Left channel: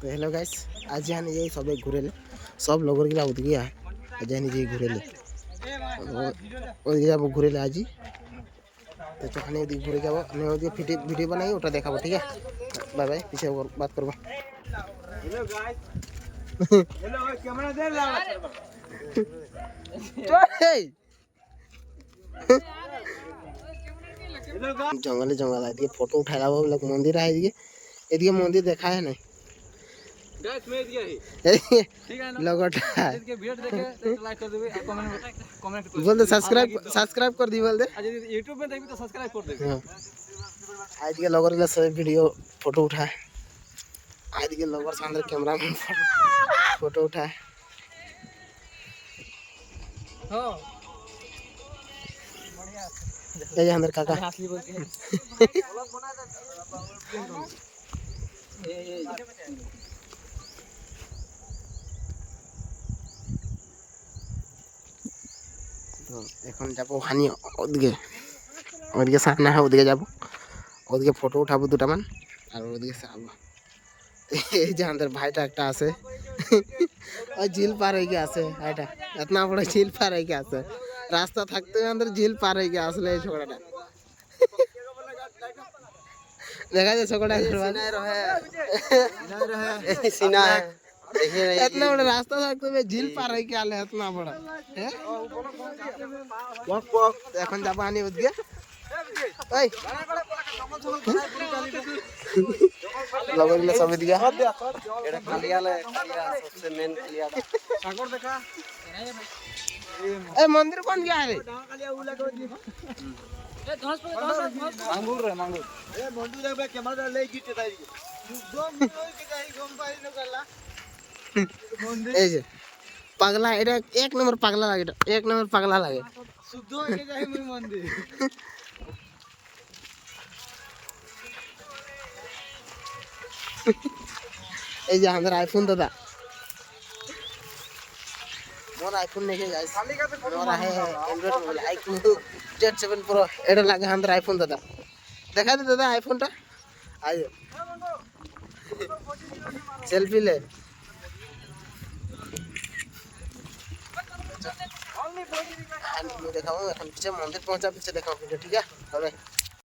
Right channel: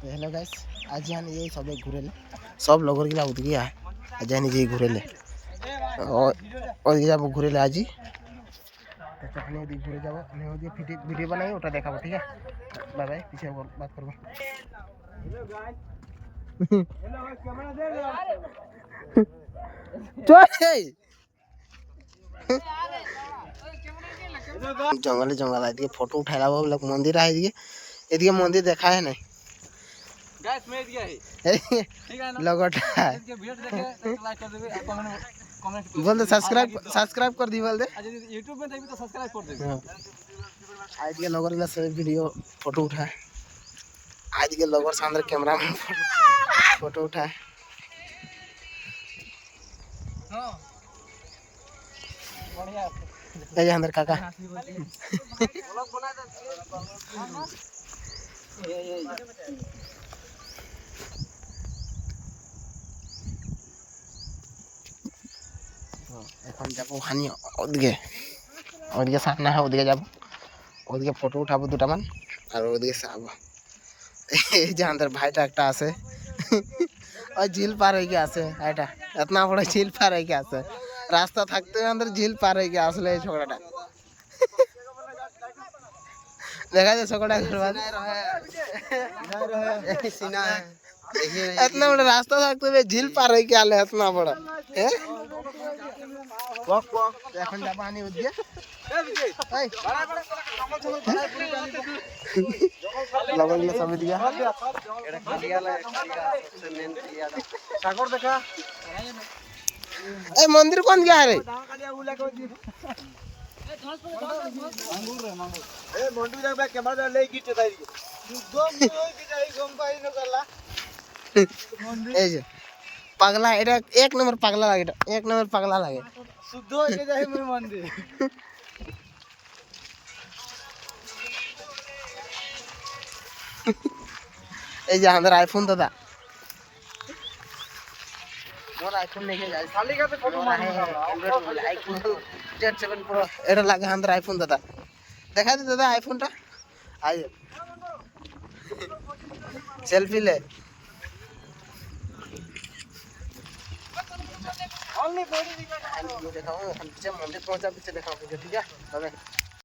তো hello guys, আজ আমি এই সবে ঘুরেলে সব লগর গিলা ওদিকে আয়। আজ আমি যে ঘুরেলে ওদিকে যাবো ঘুরেলে আজই। তো চখানে ওদিকে ঘুরে যাবো, আমি ওদিকে ভিডিও বানাই, ওটা দেখাবো। ঠিক আছে, বাই বাই, পিছে বাত করবো। জঙ্গলে জঙ্গল এদিকে ফটো উঠাই লাবো বলে মন্দির है এদিকে। এদিকে মন্দির দেখা है नहीं गाइस मैं दिया है ठीक है ना लगोटा इसके वीडियो देखे तो लाइक कर देबे और कमेंट बोल दे, सब्सक्राइब कर दी बोल दे। आज YouTube में देखबी तो सब्सक्राइब कर देबे। हाँ, आज के लगोर ला सब वीडियो फोटो उठाए। आज के लगोर सामने कैमरा में फोटो उठाए। हां बढ़िया ये अंदर काका असली बोलते हैं व्लॉग बना दे। তো এখন যাবো ওখানে ওদিকে, ওদিকে সামনে হয় ওদিকে যাবো, ওদিকে ফটো উঠাবো দুটামান আর ওদিকে যাবো। এই যে আমাদের ভাইটা একটা আছে, ওই ঝিল পার হয়ে গিয়ে আছে ভাইটা, এতনা বড় ঝিল পার হয়ে গিয়ে আছে, রাস্তা থাকতে আমাদের ঝিল পার হয়ে গিয়ে আসলে এই ছোকরাটা দেখা যায় ছোকরা इतना बड़ा रास्ता থাকতে হবে ঝিল পার হয়ে গিয়ে আলে এতনা বড়। হ্যাঁ এখন যাবো আনি ওদিকে। এই লগরগুলো সব এদিকে। এই মন্দির কোন জায়গায় রে? এই যে পাগলা, এটা এক নম্বর পাগলা লাগে, এটা এক নম্বর পাগলা লাগে শুদ্ধ হয়ে যায় মন্দির। এই যে আমাদের আইফোন দাদা, মোর আইফোন নেই গাইস, মোর আছে Android mobile iPhone Z7 Pro, এটা লাগে আমাদের আইফোন দাদা। দেখা দে দাদা আইফোনটা, আই সেলফি ले। देखाओ এখন পিছে মন্দির পৌঁছা, পিছে দেখাও ভিডিও। ঠিক আছে,